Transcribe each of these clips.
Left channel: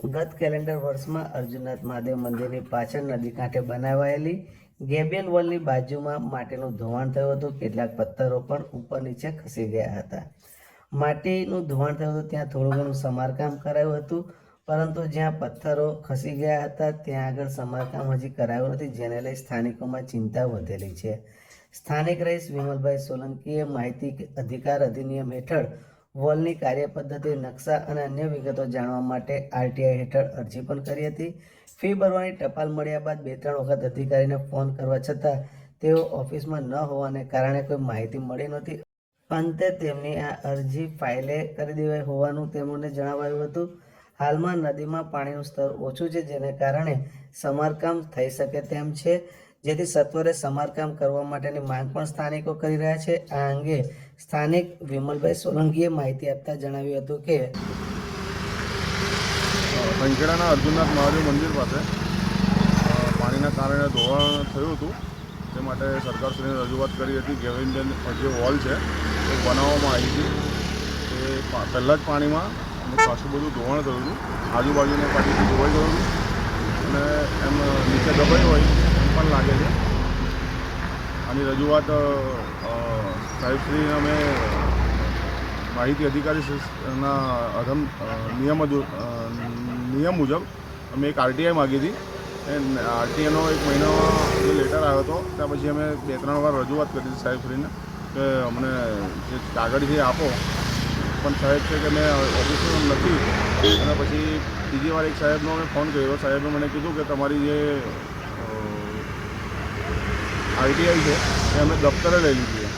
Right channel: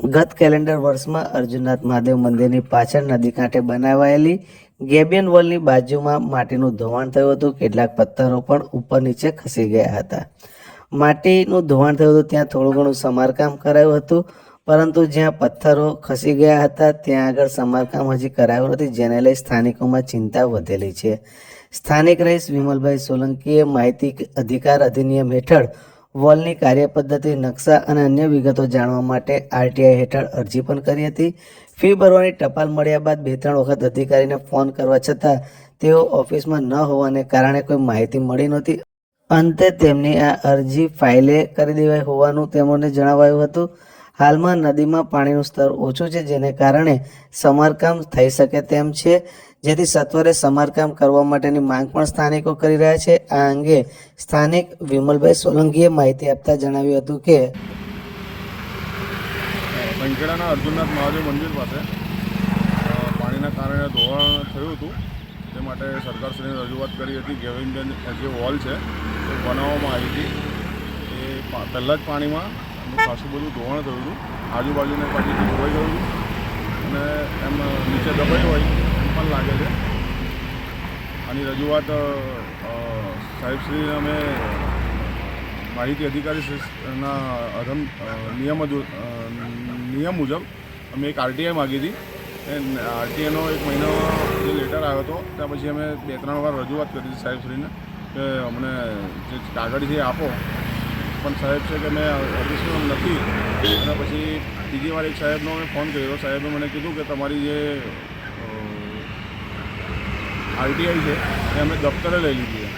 ગત કેલેન્ડર વર્ષમાં અર્જુનનાથ મહાદેવ મંદિરની પાછળ નદી કાંઠે બનાવાયેલી ગેબિયન વોલની બાજુમાં માટીનું ધોવાણ થયું હતું. કેટલાક પથ્થરો પણ ઉપર નીચે ખસી ગયા હતા. માટીનું ધોવાણ થયું હતું ત્યાં થોડું ઘણું સમારકામ કરાયું હતું, પરંતુ જ્યાં પથ્થરો ખસી ગયા હતા, ત્યાં આગળ સમારકામ હજી કરાયું નથી, જેને લઈ સ્થાનિકોમાં ચિંતા વધેલી છે. સ્થાનિક રહીશ વિમલભાઈ સોલંકીએ માહિતી અધિકાર અધિનિયમ હેઠળ વોલની કાર્યપદ્ધતિ, નકશા અને અન્ય વિગતો જાણવા માટે આરટીઆઈ હેઠળ અરજી પણ કરી હતી. ફી ભરવાની ટપાલ મળ્યા બાદ બે ત્રણ વખત અધિકારીને ફોન કરવા છતાં તેઓ ઓફિસમાં ન હોવાને કારણે કોઈ માહિતી મળી નહોતી. અંતે તેમની આ અરજી ફાઇલે કરી દેવાઈ હોવાનું તેમને જણાવાયું હતું. હાલમાં નદીમાં પાણીનું સ્તર ઓછું છે, જેને કારણે સમારકામ થઈ શકે તેમ છે. જેથી સત્વરે સમારકામ કરવા માટેની માંગ પણ સ્થાનિકો કરી રહ્યા છે. આ અંગે સ્થાનિક વિમલભાઈ સોલંકીએ માહિતી આપતા જણાવ્યું હતું કે સંખેડાના અર્જુનનાથ મહાદેવ મંદિર પાસે પાણીના કારણે ધોવાણ થયું હતું. તે માટે સરકારશ્રીને રજૂઆત કરી હતી ગેવિનબેન જે વોલ છે એ બનાવવામાં આવી હતી. તે પહેલાં જ પાણીમાં એનું ખાસું બધું ધોવાણ થયું હતું. આજુબાજુને પાણીથી ધોવાઈ ગયું હતું. અને એમ નીચે દબાઈ હોય પણ લાગે છે. આની રજૂઆત સાહેબશ્રી અમે માહિતી અધિકારી ના અધમ નિયમ નિયમ મુજબ અમે એક આરટીઆઈ માગી હતી. એ આરટીઆઈનો એક મહિનો જે લેટર આવ્યો હતો, ત્યાં પછી અમે બે ત્રણ વાર રજૂઆત કરી હતી સાહેબશ્રીને કે અમને જે કાગળ છે આપો. પણ સાહેબ છે કે મેં ઓફિસમાં નથી. અને પછી બીજી વાર એક સાહેબનો અમે ફોન કર્યો. સાહેબે મને કીધું કે તમારી જે આરટીઆઈ છે, એ અમે દફતરે લઈ લીધી છે.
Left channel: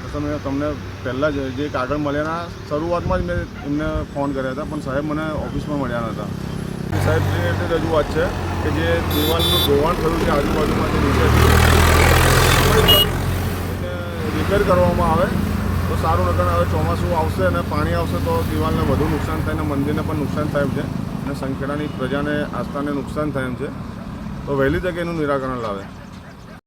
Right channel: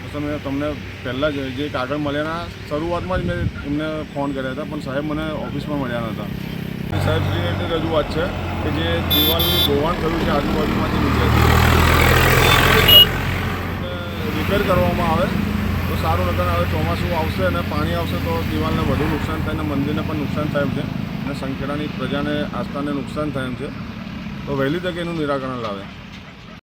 તો તમે તમને પહેલાં જ જે કાગળ મળ્યાના શરૂઆતમાં જ મેં એમને ફોન કર્યા હતા, પણ સાહેબ મને ઓફિસમાં મળ્યા નહોતા સાહેબ રિલેટેડ રજૂઆત છે કે જે દિવાલનું ધોવાણ થયું છે આજુબાજુમાંથી નીચેથી રિપેર કરવામાં આવે, તો સારું, નકર હવે ચોમાસું આવશે અને પાણી આવશે, તો દિવાલને વધુ નુકસાન થાય અને મંદિરને પણ નુકસાન થાય છે. અને સંખેડાની પ્રજાને આસ્થાને નુકસાન થાય છે. તો વહેલી તકે એનું નિરાકરણ લાવે.